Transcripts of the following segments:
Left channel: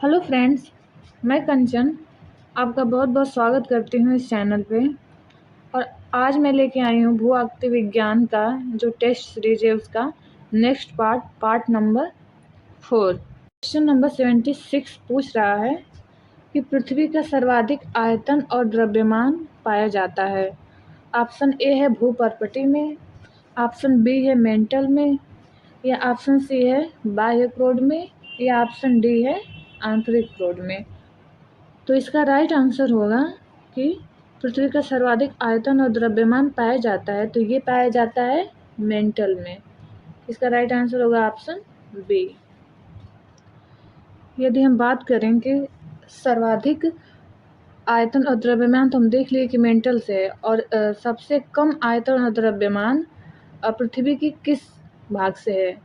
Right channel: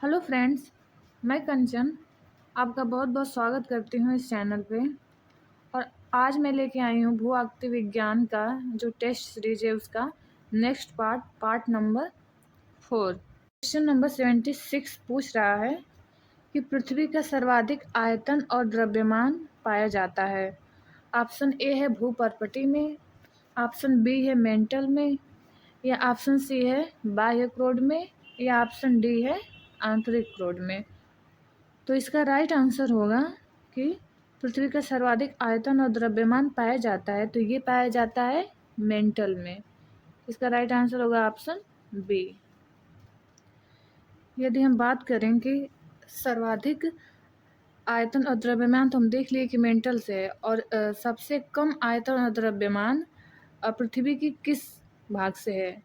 Hello friends, मैं कंचन आपका बहुत बहुत स्वागत करती हूँ इस चैनल पे। और आज मैं लेके आई हूँ भू आकृति विज्ञान का जो टेस्ट सीरीज है उसका next part number 4। Question number 76 पूछ रहा है कि पृथ्वी का सर्वाधिक आयतन और द्रव्यमान पाया जाता है। ऑप्शन ए है भूपर्पटी में, ऑप्शन बी है मेंटल में, या ऑप्शन सी है बाह्य क्रोड में, या ऑप्शन डी है आंतरिक क्रोड में। तो इसका राइट आंसर होगा कि पृथ्वी का सर्वाधिक आयतन और द्रव्यमान पाया जाता है, तो ये पाया जाता है मेंटल में। इसका राइट आंसर होगा ऑप्शन बी। यदि हम बात करें कि सर्वाधिक आयतन और द्रव्यमान, तो हम देख लिए कि मेंटल से है, और सबसे कम आयतन और द्रव्यमान पृथ्वी की किस भाग से है,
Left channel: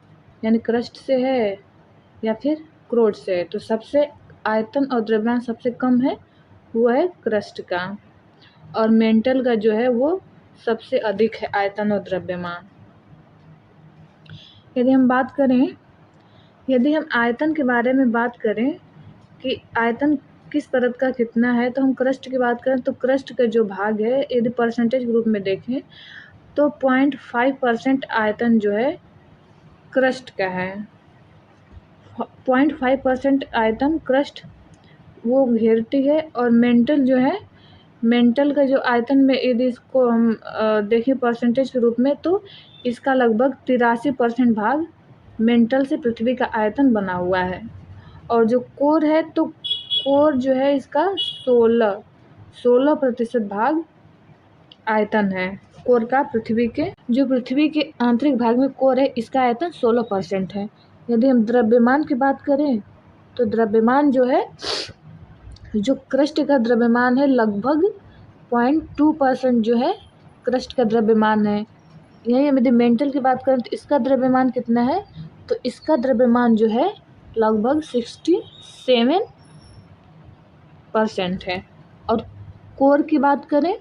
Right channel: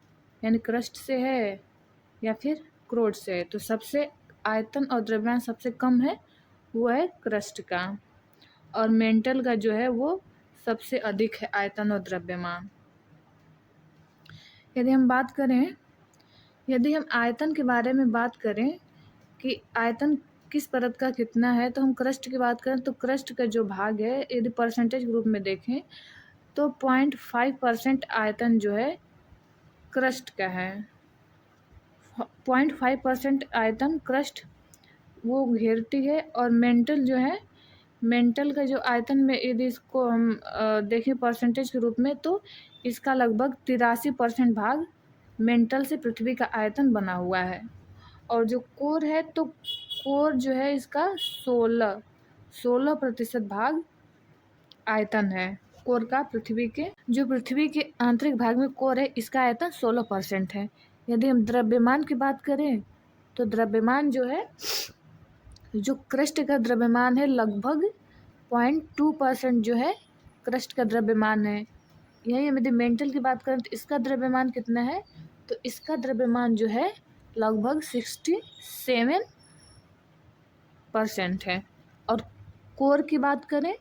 यानी क्रस्ट से है या फिर क्रोड से है। तो सबसे आयतन और द्रव्यमान सबसे कम है वो है क्रस्ट का, और मेंटल का जो है वो सबसे अधिक है आयतन और द्रव्यमान। यदि हम आयतन के बारे में बात करें कि आयतन किस परत का कितना है, तो हम क्रस्ट की बात करें तो क्रस्ट का जो भाग है, यदि परसेंटेज ग्रुप में देखें तो 0.5% आयतन जो है क्रस्ट का है। 0.5% आयतन क्रस्ट वो घेरती है, और मेंटल जो है, मेंटल का जो आयतन में यदि इसको हम देखें परसेंटेज के रूप में, तो इसका लगभग 83% भाग मेंटल से पृथ्वी का आयतन बना हुआ है। और जो कोर है, तो कोर जो है इसका 16% भाग आयतन है कोर का। पृथ्वी के आंतरिक भाग में कोर है, इसका आयतन 16% है। यदि हम द्रव्यमान की बात करें तो द्रव्यमान जो है, जो क्रस्ट का द्रव्यमान है, लगभग 0.2% जो है क्रस्ट का द्रव्यमान है। यही हम यदि मेंटल की बात करें तो इसका द्रव्यमान कितना है, तो इसका द्रव्यमान जो है लगभग 67% है। और कोर की बात करें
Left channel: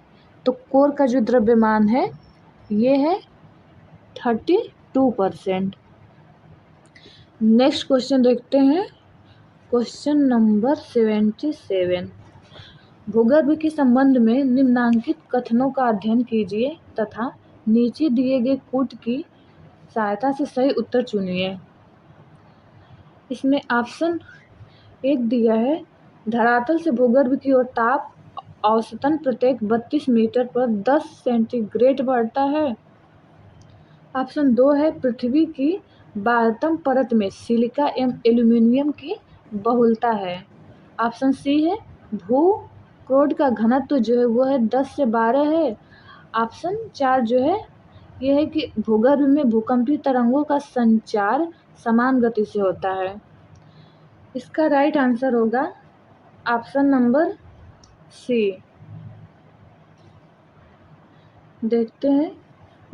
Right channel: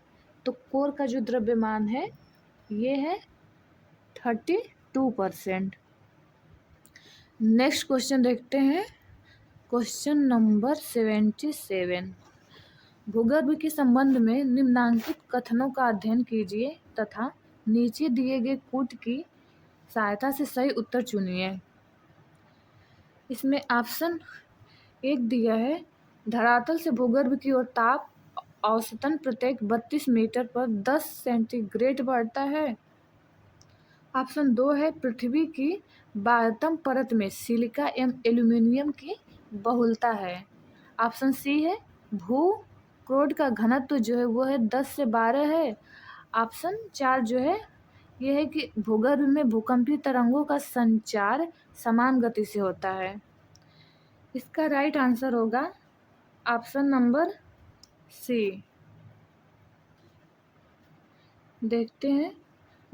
तो कोर का जो द्रव्यमान है ये है 32%। नेक्स्ट क्वेश्चन देखते हैं, क्वेश्चन नंबर 77। भूगर्भ के संबंध में निम्नांकित कथनों का अध्ययन कीजिए तथा नीचे दिए गए कूट की सहायता से सही उत्तर चुनिए। इसमें ऑप्शन 1 दिया है, धरातल से भूगर्भ की ओर ताप औसतन प्रत्येक 32 मीटर पर 10 सेंटीग्रेड बढ़ता है। ऑप्शन 2 है, पृथ्वी की बाह्यतम परत में सिलिका एवं एल्यूमिनियम की बहुलता है। ऑप्शन सी है, भू क्रोड का घनत्व जो है वो है 10 से 12 है। ऑप्शन 4 जो है ये है कि भूगर्भ में भूकंपीय तरंगों का संचार समान गति से होता है। इसका राइट आंसर होगा ऑप्शन नंबर सी। देखते हैं,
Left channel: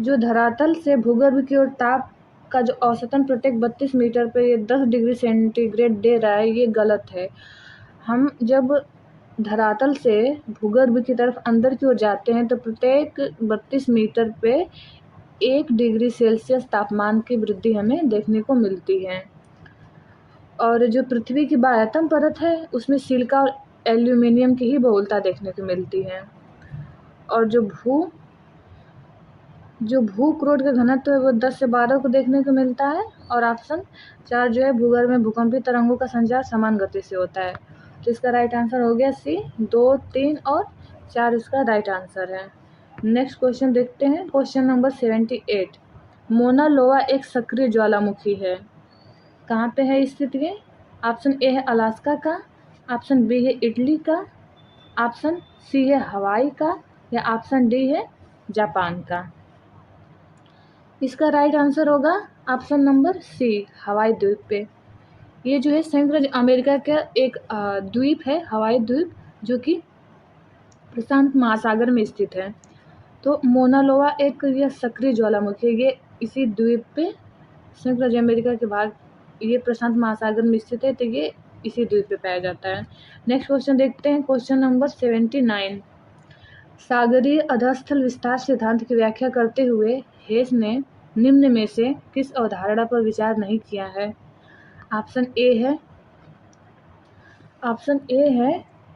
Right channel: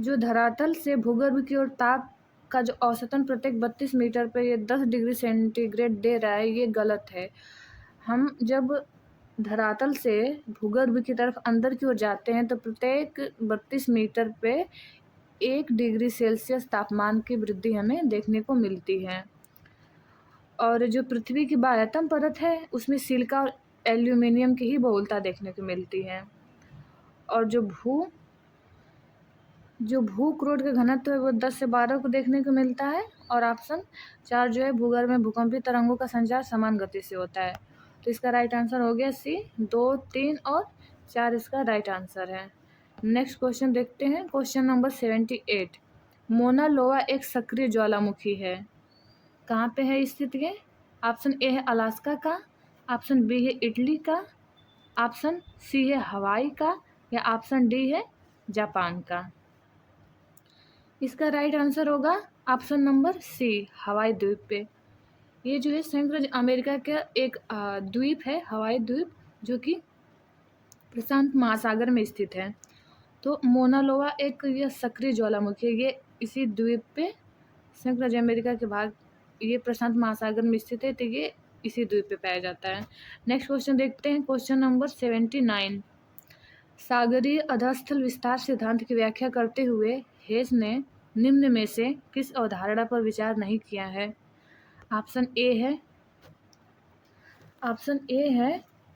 जो धरातल से भूगर्भ की ओर ताप का जो औसतन प्रत्येक 32 मीटर पर ये 10 डिग्री सेंटीग्रेड दे रहा है, ये गलत है। हम जब धरातल से भूगर्भ की तरफ अंदर की ओर जाते हैं तो प्रत्येक 32 मीटर पे 1 डिग्री सेल्सियस तापमान की वृद्धि हमें देखने को मिलती है। और जो पृथ्वी की बाह्यतम परत है उसमें सिलिका और एल्यूमिनियम की ही बहुलता देखने को मिलती है। और जो भू क्रोड का घनत्व है वो 10 से 12 को देखने को मिलता है। और ऑप्शन 4 जो है, भूगर्भ में भूकंपीय तरंगों का संचार समान गति से होता है। तो इसका राइट आंसर हो गया सी। 2, 3 और 4 इसका राइट आंसर है। नेक्स्ट क्वेश्चन देखते हैं, क्वेश्चन नंबर 78। मोना लोआ एक सक्रिय ज्वालामुखी है, कहाँ पे है स्थित ये? ऑप्शन ए है अलास्का का, ऑप्शन बी है इटली का, ऑप्शन सी है हवाई का, या ऑप्शन डी है जापान का। इसका राइट आंसर होगा ऑप्शन नंबर सी, हवाई द्वीप पे। ये जो है संयुक्त राज्य अमेरिका का एक द्वीप है, हवाई द्वीप, जो कि प्रशांत महासागर में स्थित है। तो मोना लोआ एक यह सक्रिय ज्वालामुखी है, ये इसी द्वीप पे संयुक्त राज्य अमेरिका के भाग, ये प्रशांत महासागर में स्थित है, तो ये इसी द्वीप पे पाया जाता है। नेक्स्ट क्वेश्चन देखते हैं, क्वेश्चन नंबर 79। सागरीय अधस्थल विस्तार सिद्धांत की व्याख्या करते हुए हेस ने निम्न में से किस अवधारणा पर विचार नहीं किया है? ऑप्शन ए है ऑप्शन ए है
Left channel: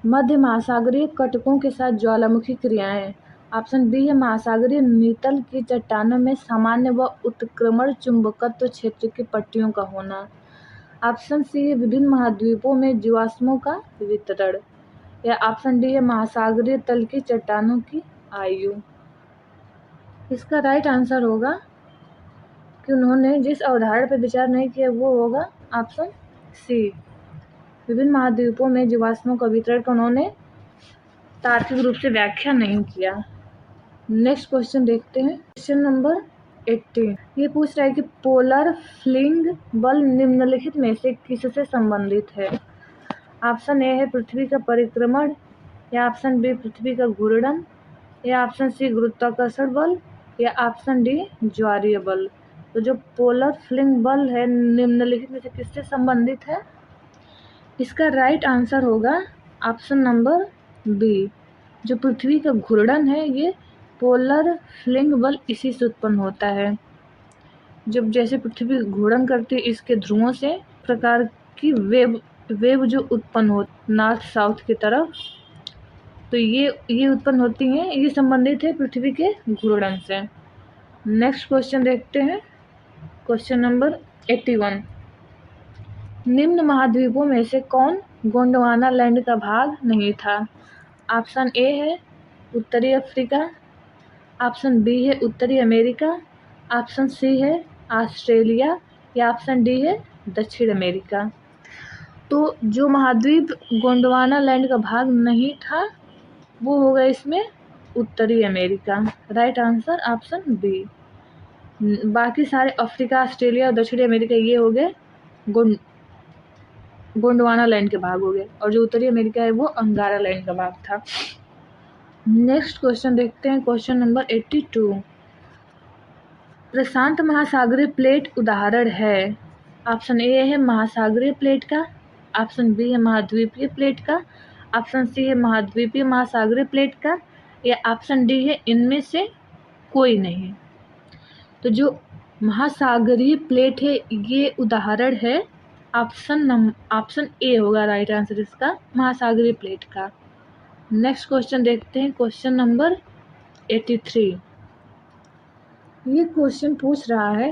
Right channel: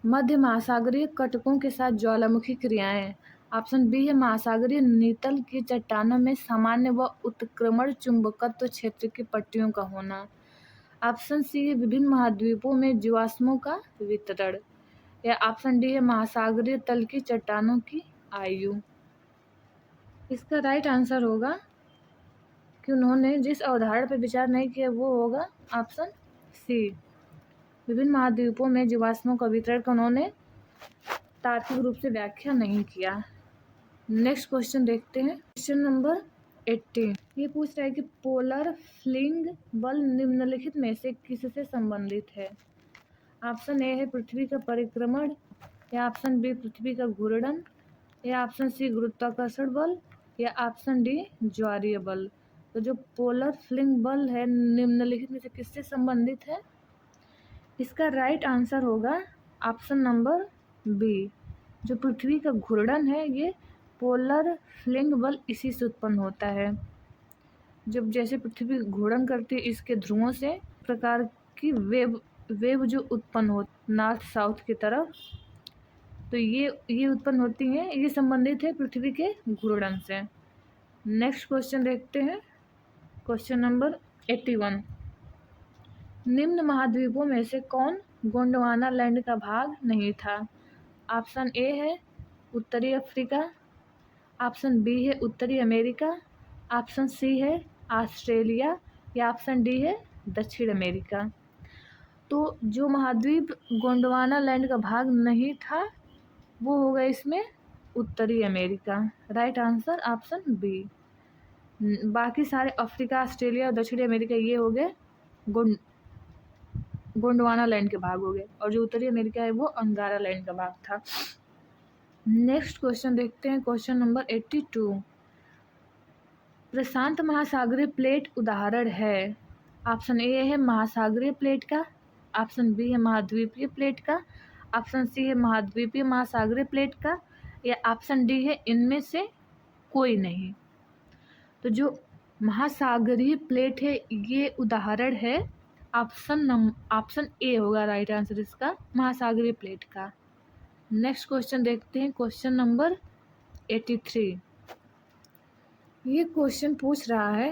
मध्य महासागरीय कटकों के साथ ज्वालामुखी क्रियाएं। ऑप्शन बी है महासागरीय नीतल की चट्टानों में सामान्य व उत्क्रमण चुंबकत्व क्षेत्र की पट्टियों का होना। ऑप्शन सी है विभिन्न महाद्वीपों में जीवाश्मों का वितरण। या ऑप्शन डी है महासागरीय तल की चट्टानों की आयु। इसका राइट आंसर होगा कि उन्होंने जिस अवधारणा पर विचार नहीं किया वो होगा ऑप्शन सी, विभिन्न महाद्वीपों में जीवाश्मों का वितरण का उन्होंने तार्किक रूप से व्याख्या नहीं किया। नेक्स्ट क्वेश्चन देखते हैं, क्वेश्चन नंबर 18। ये पूछ रहा है कि पोलर फ्लिंग बल निम्नलिखित में से किससे संबंधित है। ऑप्शन ए है पृथ्वी का परिक्रमण, या ऑप्शन बी पृथ्वी का घूर्णन, या ऑप्शन सी गुरुत्वाकर्षण बल, या ऑप्शन डी ज्वारीय बल। तो जो पोलर फ्लिंग बल है निम्नलिखित में से किससे संबंधित है। इसका राइट आंसर होगा ऑप्शन नंबर बी, जो पृथ्वी का घूर्णन है ये पोलर फ्लिंग बल इसी से उत्पन्न होता है। जब जैसे पृथ्वी घूर्णन करती है इसके ध्रुवों से प्रकार की वेव जो उत्पन्न हो नॉर्थ साउथ की तरफ, तो ये उत्पन्न होती हैं, ये संबंधित है पृथ्वी के घूर्णन से। नेक्स्ट क्वेश्चन देखते हैं, क्वेश्चन नंबर 81। निम्न महाद्वीपों में से कौन गोंडवाना लैंड का भाग नहीं था। ऑप्शन ए है उत्तरी अफ्रीका, ऑप्शन बी है उत्तरी अमेरिका, ऑप्शन सी है ऑस्ट्रेलिया, या ऑप्शन डी है दक्षिण अमेरिका। तो जो महाद्वीप गोंडवाना लैंड का भाग नहीं था वो होगा इसमें उत्तरी America. Right answer option B. बाकी सारे अफ्रीका, ऑस्ट्रेलिया और दक्षिणी अमेरिका ये हो गए गोंडवाना लैंड के भाग हो गए, और जो उत्तरी अमेरिका है वो अंगारा लैंड का भाग था। नेक्स्ट क्वेश्चन देखते हैं, क्वेश्चन नंबर 82। प्रशांत महासागरीय प्लेट उदाहरण है। ऑप्शन ए है महासागरीय प्लेट का, ऑप्शन बी है महाद्वीपीय प्लेट का, ऑप्शन सी है महाद्वीपीय महासागरीय प्लेट का, या ऑप्शन डी है इनमें से कोई नहीं। तो जो महासागरीय प्लेट है ये उदाहरण है ऑप्शन ए होगा राइट आंसर इसका, महासागरीय प्लेट का। नेक्स्ट क्वेश्चन देखते हैं, क्वेश्चन नंबर 83। ये क्वेश्चन पूछ रहा है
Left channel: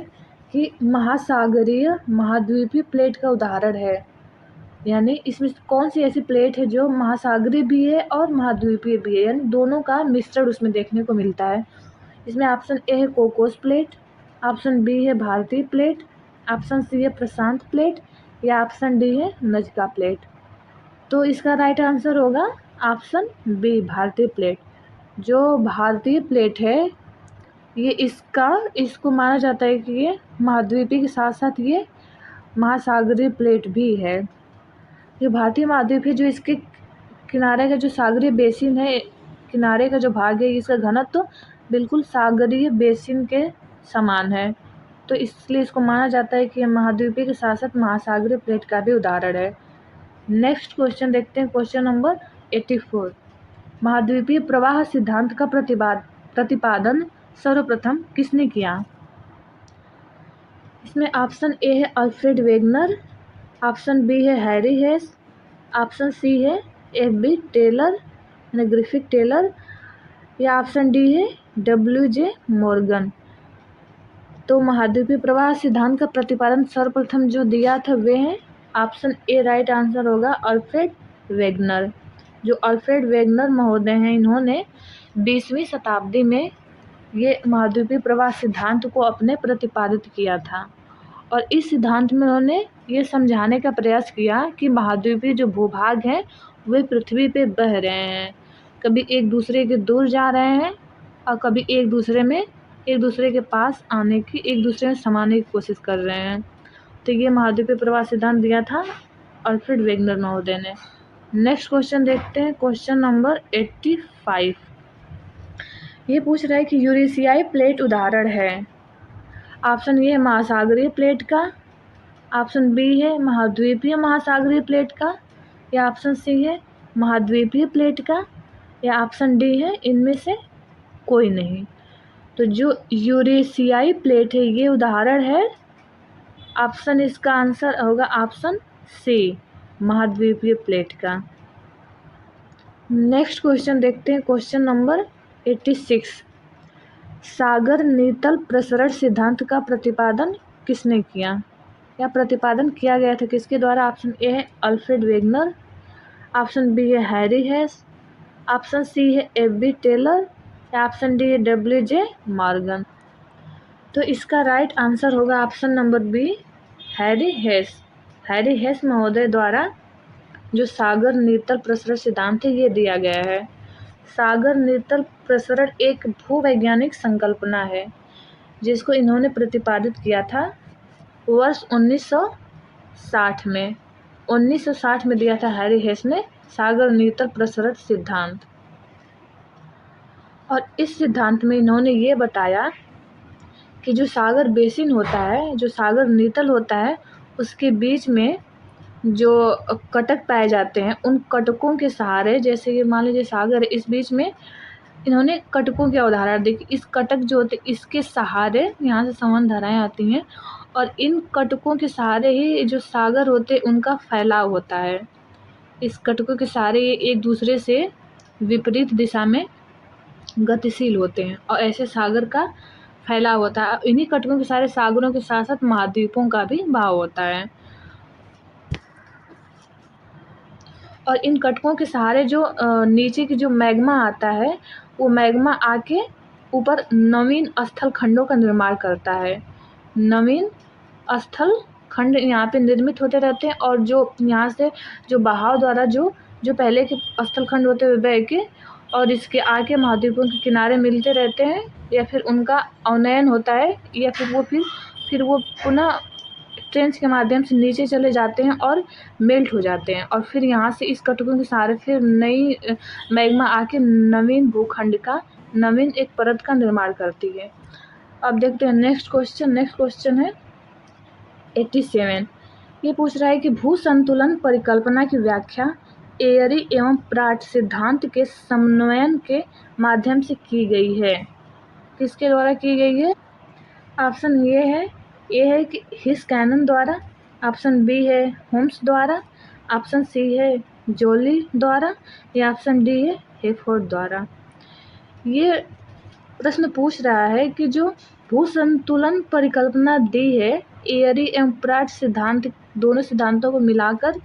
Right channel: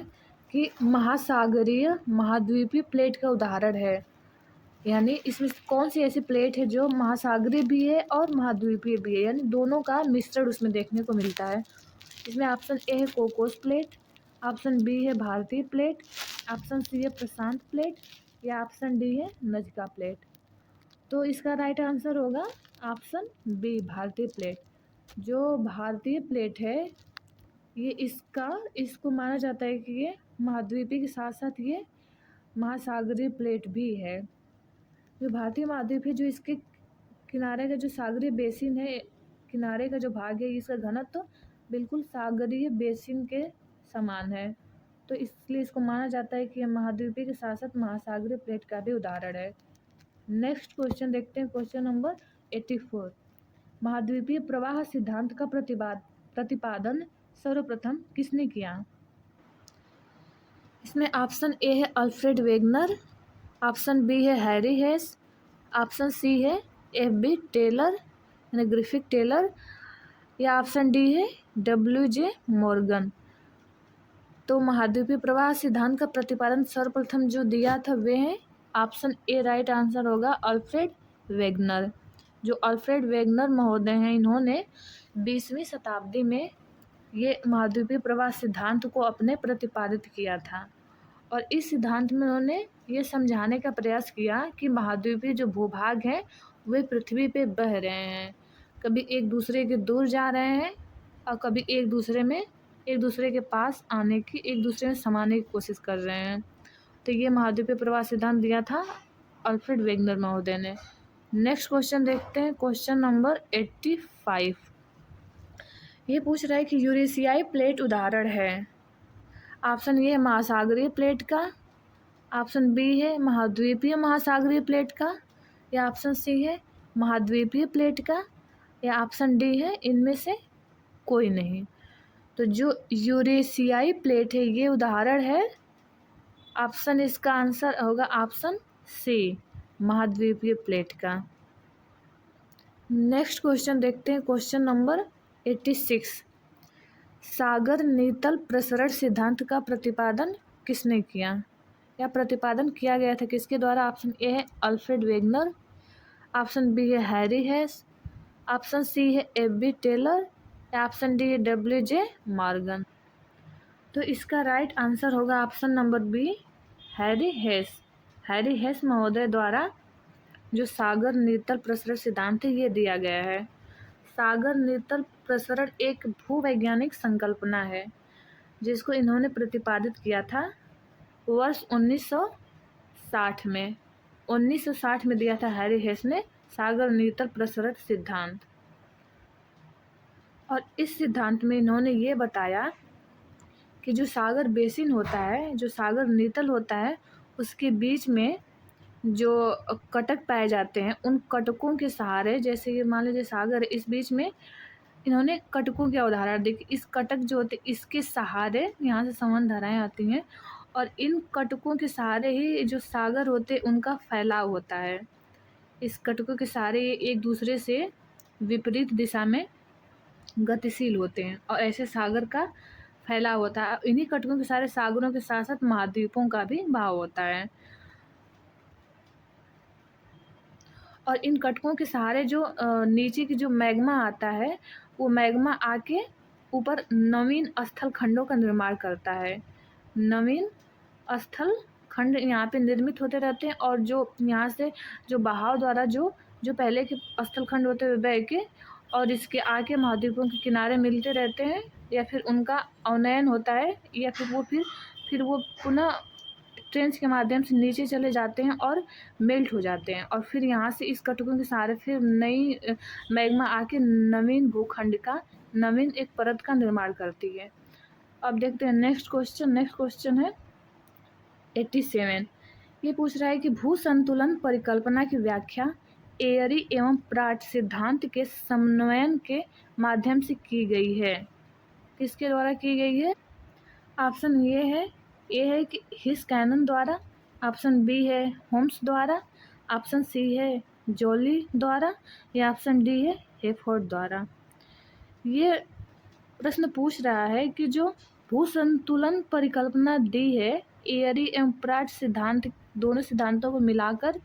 कि महासागरीय महाद्वीपीय प्लेट का उदाहरण है, यानी इसमें कौन सी ऐसी प्लेट है जो महासागरीय भी है और महाद्वीपीय भी है, यानी दोनों का मिश्रण उसमें देखने को मिलता है। इसमें ऑप्शन ए है कोकोस प्लेट, ऑप्शन बी है भारतीय प्लेट, ऑप्शन सी है प्रशांत प्लेट, या ऑप्शन डी है नजका प्लेट। तो इसका राइट आंसर होगा ऑप्शन बी भारतीय प्लेट। जो भारतीय प्लेट है ये इसको माना जाता है कि ये महाद्वीपीय के साथ साथ ये महासागरीय प्लेट भी है। ये भारतीय महाद्वीप है, जो इसके किनारे का जो सागरीय बेसिन है, किनारे का जो भाग है इसका घनत्व तो बिल्कुल सागरीय बेसिन के समान है, तो इसलिए इसको माना जाता है कि यह महाद्वीपीय के साथ साथ महासागरीय प्लेट का भी उदाहरण है। नेक्स्ट क्वेश्चन देखते हैं, क्वेश्चन नंबर 84। महाद्वीपीय प्रवाह सिद्धांत का प्रतिपादन सर्वप्रथम किसने किया। इसमें ऑप्शन ए है अल्फ्रेड वेगनर, ऑप्शन बी है हैरी हेस, ऑप्शन सी है एफ.बी. टेलर यानी ग्रिफिथ टेलर, या ऑप्शन डी है डब्ल्यू.जे. मॉर्गन। तो महाद्वीपीय प्रवाह सिद्धांत का प्रतिपादन सर्वप्रथम जो दिया था वे हैं ऑप्शन ए, राइट आंसर होगा अल्फ्रेड वेगनर। जो अल्फ्रेड वेगनर महोदय हैं इन्होंने 20वीं शताब्दी में ये महाद्वीपीय प्रवाह सिद्धांत को अपने प्रतिपादित किया था, और इस सिद्धांत में उन्होंने ये समझाने का प्रयास किया कि महाद्वीपीय जो भूभाग हैं वे पृथ्वी पे बह रहे हैं, कभी एक दूसरे के दूर जा रहे हैं और कभी एक दूसरे के पास आने की, एक दूसरे में समाने की कोशिश कर रहे हैं। तो ये महाद्वीपीय प्रवाह सिद्धांत दिया था अल्फ्रेड वेगनर महोदय ने। नेक्स्ट क्वेश्चन देखते हैं, क्वेश्चन नंबर 85। ये पूछ रहा है कि यूरेशियाई प्लेट उदाहरण है। ऑप्शन ए है महासागरीय प्लेट का, ऑप्शन बी है महाद्वीपीय महासागरीय प्लेट का, या ऑप्शन सी है महाद्वीपीय प्लेट का, या ऑप्शन डी है इनमें से कोई नहीं। तो जो यूरेशियाई प्लेट है ये उदाहरण है, ऑप्शन इसका आंसर होगा ऑप्शन सी, महाद्वीपीय प्लेट का। नेक्स्ट क्वेश्चन देखते हैं, क्वेश्चन नंबर 86। सागर नीतल प्रसरण सिद्धांत का प्रतिपादन किसने किया, या प्रतिपादन किया गया था किसके द्वारा? ऑप्शन ए है अल्फ्रेड वेगनर, ऑप्शन बी है हैरी हेस, ऑप्शन सी है एफ.बी. टेलर, या ऑप्शन डी है डब्ल्यू.जे. मॉर्गन। तो इसका राइट आंसर होगा option number B, Harry Hess. Harry Hess महोदय द्वारा जो सागर नीतल प्रसरण सिद्धांत है ये दिया गया है। सागर नीतल प्रसरण एक भूवैज्ञानिक संकल्पना है जिसको इन्होंने प्रतिपादित किया था वर्ष 1960 में। 1960 में दिया था हैरी हेस ने सागर नीतल प्रसरण सिद्धांत। और इस सिद्धांत में इन्होंने ये बताया कि जो सागर बेसिन होता है, जो सागर नीतल होता है, उसके बीच में जो कटक पाए जाते हैं, उन कटकों के सहारे, जैसे ये मान लीजिए सागर है, इस बीच में इन्होंने कटकों की अवधारणा दी कि इस कटक जो होते इसके सहारे यहाँ से संवहन धाराएँ आती हैं और इन कटकों के सहारे ही जो सागर होते उनका फैलाव होता है। इस कटकों के सहारे ये एक दूसरे से विपरीत दिशा में गतिशील होते हैं और ऐसे सागर का फैलाव होता है। इन्हीं कटकों के सारे सागरों के साथ साथ महाद्वीपों का भी भाव होता है। और इन कटकों के सहारे जो नीचे की जो मैग्मा आता है, वो मैग्मा आके ऊपर नवीन स्थल खंडों का निर्माण करता है। नवीन स्थल खंड यहाँ पे निर्मित होते रहते हैं और जो यहाँ से जो बहाव द्वारा जो पहले के स्थल खंड होते हुए बह के और इसके आगे महाद्वीपों के किनारे मिलते रहते हैं, या फिर उनका अवनयन होता है, या फिर वो पुनः ट्रेंच के माध्यम से नीचे चले जाते हैं और मेल्ट हो जाते हैं, और फिर यहाँ से इस कटकों के सहारे फिर नई मैग्मा आके नवीन भूखंड का, नवीन एक परत का निर्माण करती है। अब देखते हैं नेक्स्ट क्वेश्चन है 87। ये पूछ रहा है कि भू संतुलन परिकल्पना की व्याख्या एयरी एवं प्राट सिद्धांत के समन्वयन के माध्यम से की गई है। किसके द्वारा की गई है? ऑप्शन ए है कि हिस्कैनन द्वारा, ऑप्शन बी है होम्स द्वारा, ऑप्शन सी है जोली द्वारा, या ऑप्शन डी है हेफोर्ड द्वारा। ये प्रश्न पूछ रहा है कि जो भू संतुलन परिकल्पना दी है एयरी एवं प्राट सिद्धांत, दोनों सिद्धांतों को मिलाकर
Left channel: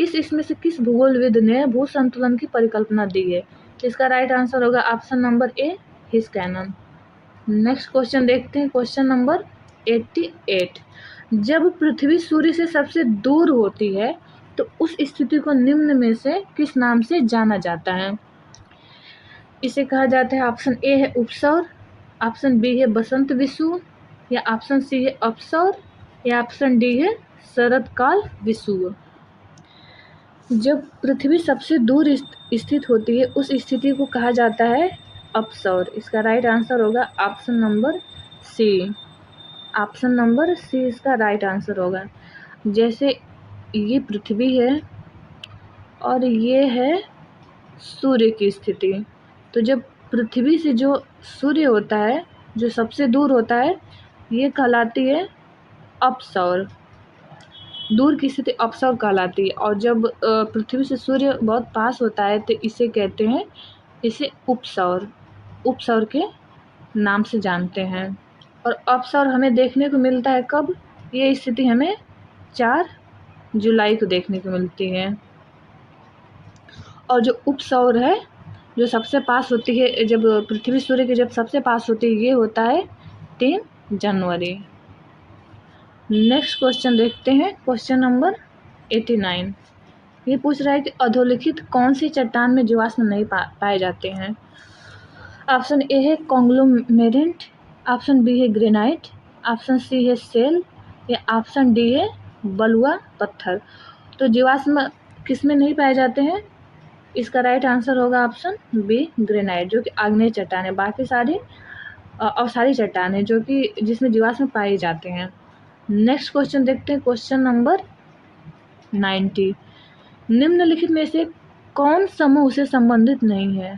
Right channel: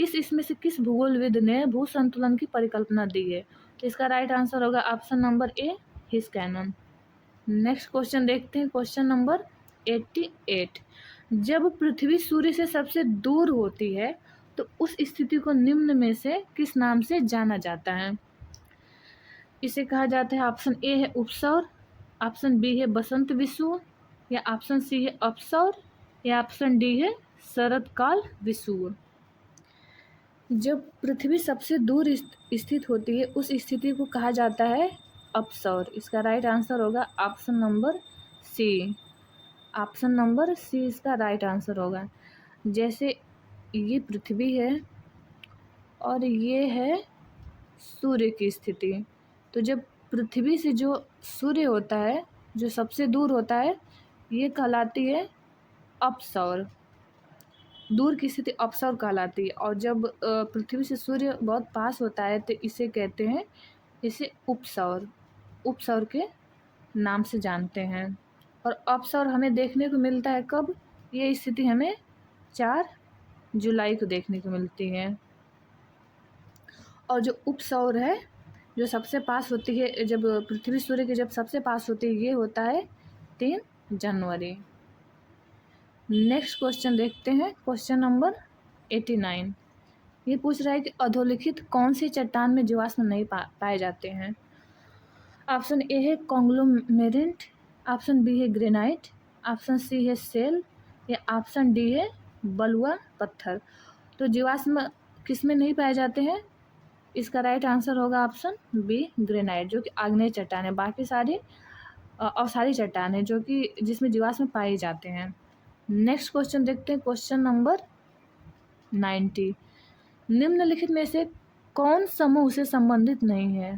इसमें से किस भूगोलविद ने भू संतुलन की परिकल्पना दी है? इसका राइट आंसर होगा ऑप्शन नंबर ए, हिस्कैनन। नेक्स्ट क्वेश्चन देखते हैं, क्वेश्चन नंबर 88। जब पृथ्वी सूर्य से सबसे दूर होती है तो उस स्थिति को निम्न में से किस नाम से जाना जाता है? इसे कहा जाता है, ऑप्शन ए है उपसौर, ऑप्शन बी है बसंत विषुव, या ऑप्शन सी है अपसौर, या ऑप्शन डी है शरतकाल विषुव। जब पृथ्वी सबसे दूर स्थित होती है उस स्थिति को कहा जाता है अपसौर। इसका राइट आंसर होगा option number C. Option number C इसका राइट आंसर होगा। जैसे ये पृथ्वी है और ये है सूर्य की स्थिति, तो जब पृथ्वी से जो सूर्य होता है जो सबसे दूर होता है ये कहलाती है अपसौर, दूर की स्थिति अपसौर कहलाती है। और जब पृथ्वी से सूर्य बहुत पास होता है तो इसे कहते हैं, इसे उपसौर, उपसौर के नाम से जानते हैं। और अपसौर हमें देखने को मिलता है कब? ये स्थिति हमें 4 जुलाई को देखने को मिलती है। और जो उपसौर है जो सबसे पास होती है, जब पृथ्वी सूर्य के जब सबसे पास होती है, ये होता है 3 जनवरी। नेक्स्ट क्वेश्चन देखते हैं, क्वेश्चन नंबर 89। ये पूछ रहा है कि अधोलिखित कौन सी चट्टान में जीवाश्म नहीं पाए जाते हैं? ऑप्शन ए है कॉन्ग्लोमेरेट, ऑप्शन बी है ग्रेनाइट, ऑप्शन सी है सेल, या ऑप्शन डी है बलुआ पत्थर। तो जीवाश्म किस में नहीं पाए जाते हैं? इसका राइट आंसर होगा ऑप्शन बी, ग्रेनाइट, जो कि आग्नेय चट्टान है। बाकी सारी अवसारी चट्टान है जो कि जिसमें जीवाश्म पाए जाते हैं। नेक्स्ट क्वेश्चन देखते हैं, क्वेश्चन नंबर 90। निम्नलिखित में से कौन समूह से संबंधित नहीं है?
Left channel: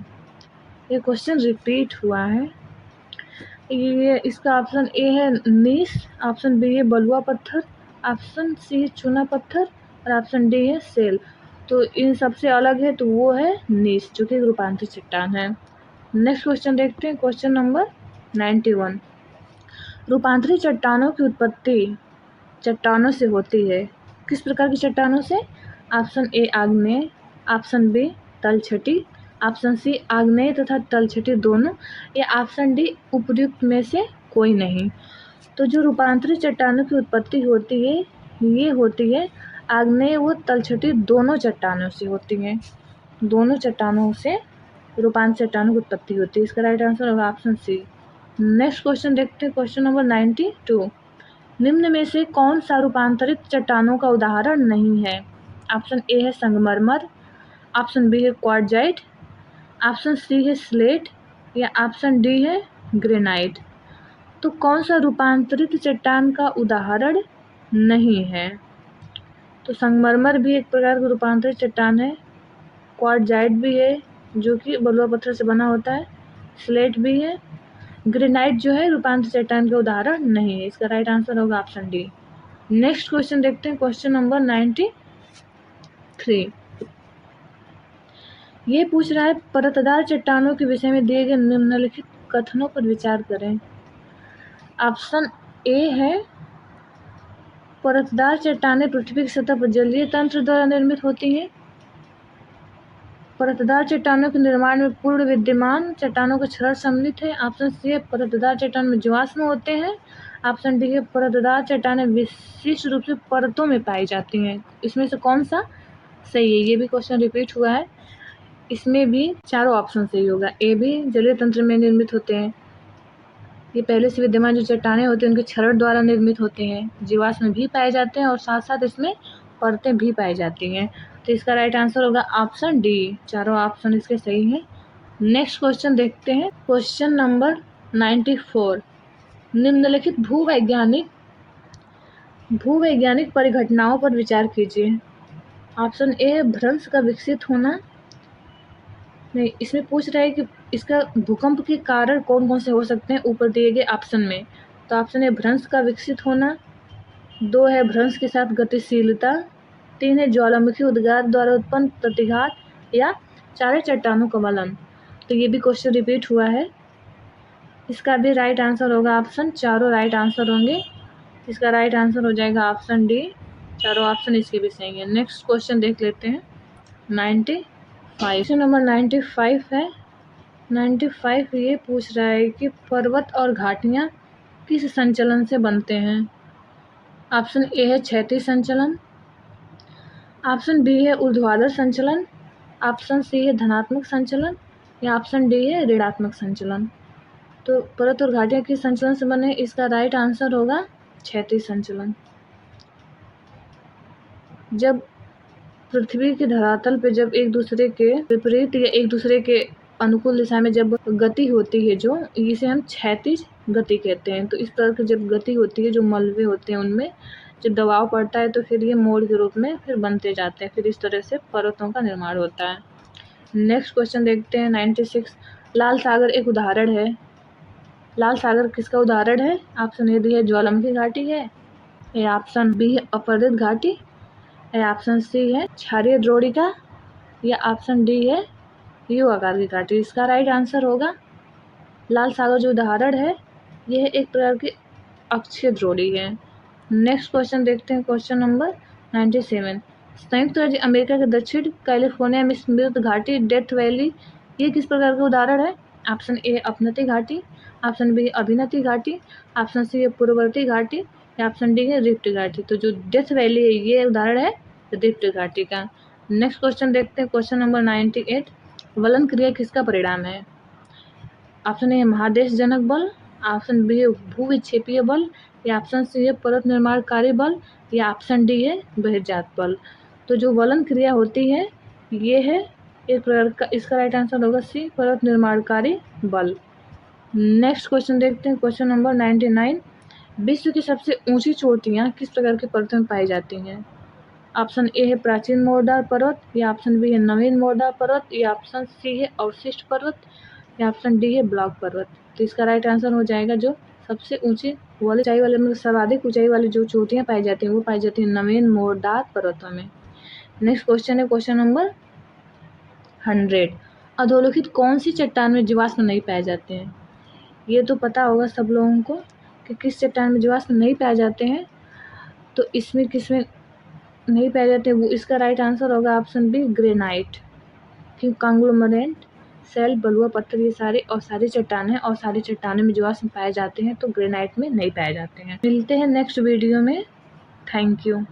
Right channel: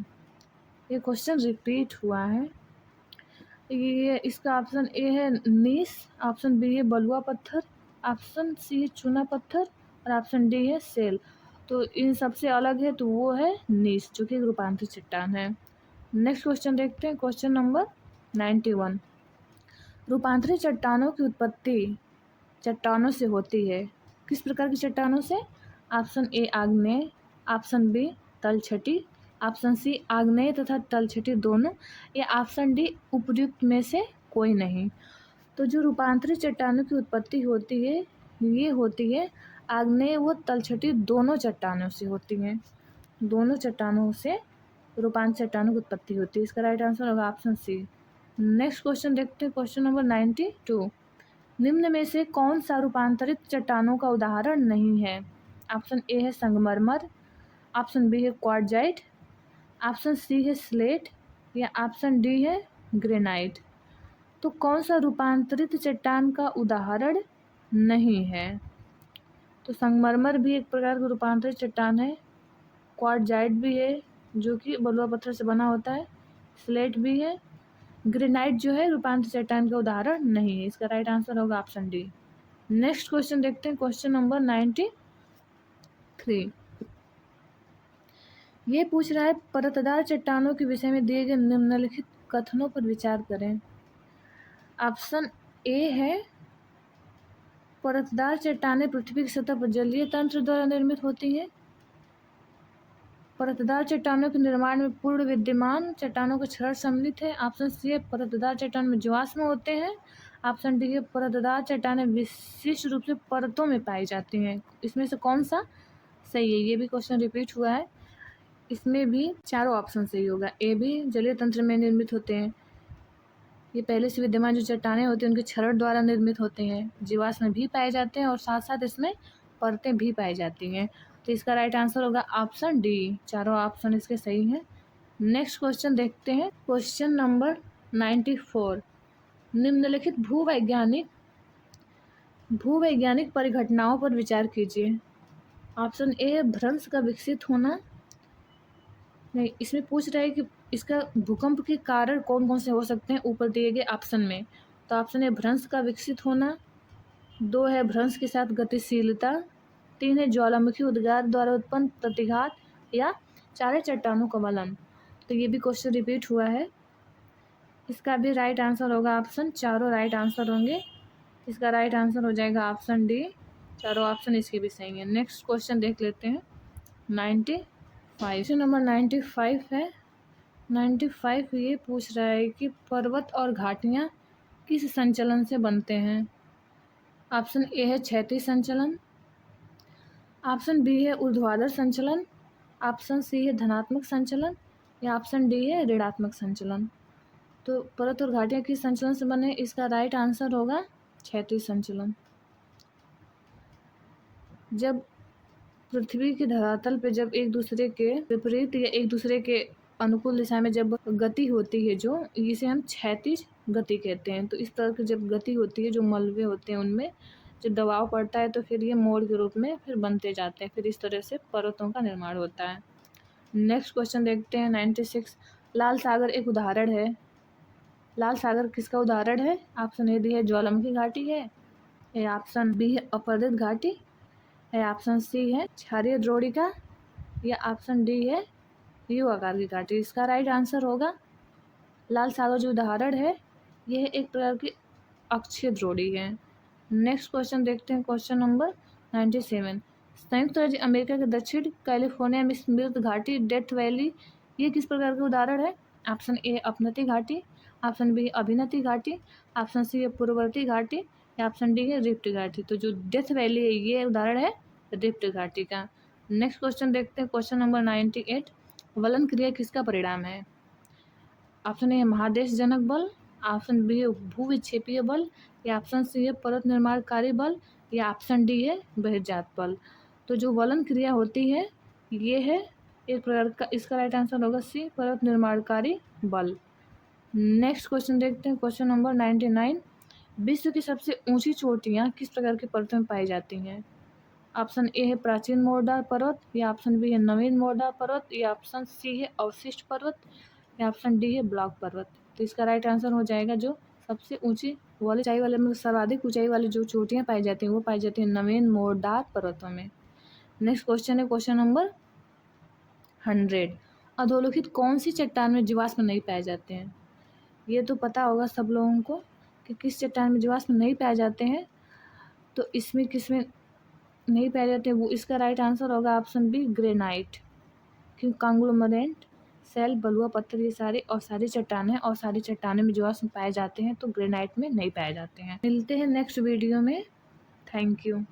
ये क्वेश्चन रिपीट हुआ है। ये इसका ऑप्शन ए है नीस, ऑप्शन बी है बलुआ पत्थर, ऑप्शन सी है चूना पत्थर, और ऑप्शन डी है सेल। तो इन सबसे अलग है तो वो है नीस, जो कि रूपांतरित चट्टान है। नेक्स्ट क्वेश्चन देखते हैं, क्वेश्चन नंबर 91। रूपांतरित चट्टानों की उत्पत्ति चट्टानों से होती है। किस प्रकार की चट्टानों से? ऑप्शन ए आग्नेय, ऑप्शन बी तलछटी, ऑप्शन सी आग्नेय तथा तलछटी दोनों, या ऑप्शन डी उपर्युक्त में से कोई नहीं। तो जो रूपांतरित चट्टानों की उत्पत्ति होती है ये होती है आग्नेय व तलछटी दोनों चट्टानों से होती है। दोनों चट्टानों से रूपांतरित चट्टानों की उत्पत्ति होती है। इसका राइट आंसर होगा ऑप्शन सी। नेक्स्ट क्वेश्चन देखते हैं, क्वेश्चन नंबर 92। निम्न में से कौन सा रूपांतरित चट्टानों का उदाहरण नहीं है? ऑप्शन ए है संगमरमर, ऑप्शन बी है क्वार्टजाइट, ऑप्शन सी है स्लेट, या ऑप्शन डी है ग्रेनाइट। तो कौन सा रूपांतरित चट्टान का उदाहरण नहीं है? तो संगमरमर भी एक प्रकार का रूपांतरित चट्टान है, क्वार्टजाइट भी है जो कि बलुआ पत्थर से बना होता है, स्लेट भी है, ग्रेनाइट जो है रूपांतरित चट्टान का उदाहरण नहीं है। इसका राइट आंसर होगा ऑप्शन डी। नेक्स्ट क्वेश्चन देखते हैं, क्वेश्चन नंबर 93। ये पूछ रहा है परतदार चट्टानों के विषय में दिए गए निम्नलिखित कथनों पर विचार करें। ऑप्शन ए है परतदार चट्टानें पृथ्वी की सतह पर जलीय तंत्र द्वारा निर्मित होती हैं। परतदार चट्टानों के निर्माण में पूर्ण विद्यमान चट्टानों का क्षरण सम्मिलित है। ऑप्शन सी है परतदार चट्टान में जीवाश्म होते हैं। ऑप्शन डी है परतदार चट्टानें विशिष्ट रूप से परतों में पाई जाती हैं। इसमें से कौन सा सही है? ये भी क्वेश्चन रिपीट हुआ है, इसमें भी चारों ऑप्शन सही होगा। ए भी जलीय तंत्र में निर्मित होते हैं, ये पहले से विद्यमान जो चट्टानें होती हैं उनके क्षरण द्वारा निर्मित होते हैं, जीवाश्म भी पाए जाते हैं और साथ साथ इसमें परतें भी पाई जाती हैं। तो इसका राइट आंसर होगा ऑप्शन डी, चारों ऑप्शन इसके सही हैं। नेक्स्ट क्वेश्चन देखते हैं, क्वेश्चन नंबर 94। निम्नलिखित भूवैज्ञानिक परिघटनाओं पर विचार कीजिए। ऑप्शन ए भ्रंश का विकसित होना, नहीं, इसमें पूछ रहा है कि इसका भूकंप के कारण कौन कौन से हो सकते हैं ऊपर दिए गए ऑप्शन में। तो ऑप्शन ए भ्रंश का विकसित होना, 2 है भ्रंश के साथ गतिशीलता, 3 है ज्वालामुखी उद्गार द्वारा उत्पन्न प्रतिघात, या 4 है चट्टानों का वलन। तो ये भी क्वेश्चन रिपीट हुआ है, इसका भी राइट आंसर होगा ऑप्शन, चारों राइट आंसर होंगे। इसका राइट आंसर हो जाएगा ऑप्शन डी, चारों ऑप्शन इसके भी सही है। नेक्स्ट क्वेश्चन देख लेते हैं, 95। क्वेश्चन नंबर 95 है। 95 ये पूछ रहा है कि पर्वत और घाटियाँ किस संचलन से बनते हैं। ऑप्शन ए है क्षैतिज संचलन, ऑप्शन बी है ऊर्ध्वाधर संचलन, ऑप्शन सी है धनात्मक संचलन, या ऑप्शन डी है ऋणात्मक संचलन। तो पर्वत और घाटियाँ किस संचलन से बने? इसका राइट आंसर होगा क्षैतिज संचलन। जब पृथ्वी के धरातल पे जब एक दूसरे के विपरीत या एक दूसरे के अनुकूल दिशा में जब गति होती है, जो इसे हम क्षैतिज गति कहते हैं। तो इस प्रकार की जब गति होती है, जो मलबे होते हैं उनमें जब दबाव पड़ता है तो फिर ये मोड़ के रूप में फिर बनते जाते हैं, फिर इस तरह से पर्वतों का निर्माण होता है। नेक्स्ट क्वेश्चन देखते हैं, 96। लाल सागर एक उदाहरण है। लाल सागर किसका उदाहरण है? ऑप्शन ए डी है ज्वालामुखी घाटी है, या ऑप्शन बी है अपर्दित घाटी, या ऑप्शन सी है क्षारीय द्रोणिका, या ऑप्शन डी है यू आकार की घाटी। इसका राइट आंसर होगा लाल सागर जो उदाहरण है यह एक प्रकार की अक्षीय द्रोणी है। नेक्स्ट क्वेश्चन देखते हैं, क्वेश्चन नंबर 97। संयुक्त राज्य अमेरिका के दक्षिण कैलिफोर्निया में स्मिर्थ घाटी डेथ वैली ये किस प्रकार का उदाहरण है? ऑप्शन ए अपनति घाटी, ऑप्शन बी अभिनति घाटी, ऑप्शन सी है पूर्ववर्ती घाटी, या ऑप्शन डी है रिफ्ट घाटी। तो जो डेथ वैली है ये उदाहरण है रिफ्ट घाटी का। नेक्स्ट क्वेश्चन देखते हैं, क्वेश्चन नंबर 98। वलन क्रिया किसका परिणाम है? ऑप्शन ए है महादेश जनक बल, ऑप्शन बी है भूविक्षेपीय बल, या ऑप्शन सी है पर्वत निर्माणकारी बल, या ऑप्शन डी है बहिर्जात बल। तो जो वलन क्रिया होती है ये है एक प्रकार का, इसका राइट आंसर होगा सी पर्वत निर्माणकारी बल। नेक्स्ट क्वेश्चन देखते हैं, क्वेश्चन नंबर 99। विश्व की सबसे ऊंची चोटियाँ किस प्रकार के पर्वतों में पाई जाती हैं? ऑप्शन ए है प्राचीन मोरदार पर्वत, या ऑप्शन बी है नवीन मोरदार पर्वत, या ऑप्शन सी है अवशिष्ट पर्वत, या ऑप्शन डी है ब्लॉक पर्वत। तो इसका राइट आंसर हो जाएगा जो सबसे ऊंची वाली ऊंचाई वाले मतलब सर्वाधिक ऊंचाई वाली जो चोटियाँ पाई जाती हैं वो पाई जाती हैं नवीन मोरदार पर्वतों में। नेक्स्ट क्वेश्चन है क्वेश्चन नंबर 100। अधोलिखित कौन सी चट्टान में जीवाश्म नहीं पाए जाते हैं? ये तो पता होगा सब लोगों को कि किस चट्टान में जीवाश्म नहीं पाए जाते हैं। तो इसमें किसमें नहीं पाए जाते, वो इसका राइट आंसर होगा ऑप्शन बी, ग्रेनाइट। क्योंकि कांग्लोमरेट, सेल, बलुआ पत्थर, ये सारे और सारी चट्टान है और सारी चट्टानों में जीवाश्म पाए जाते हैं, तो ग्रेनाइट में नहीं पाए जाते हैं। मिलते हैं नेक्स्ट वीडियो में। Thank you.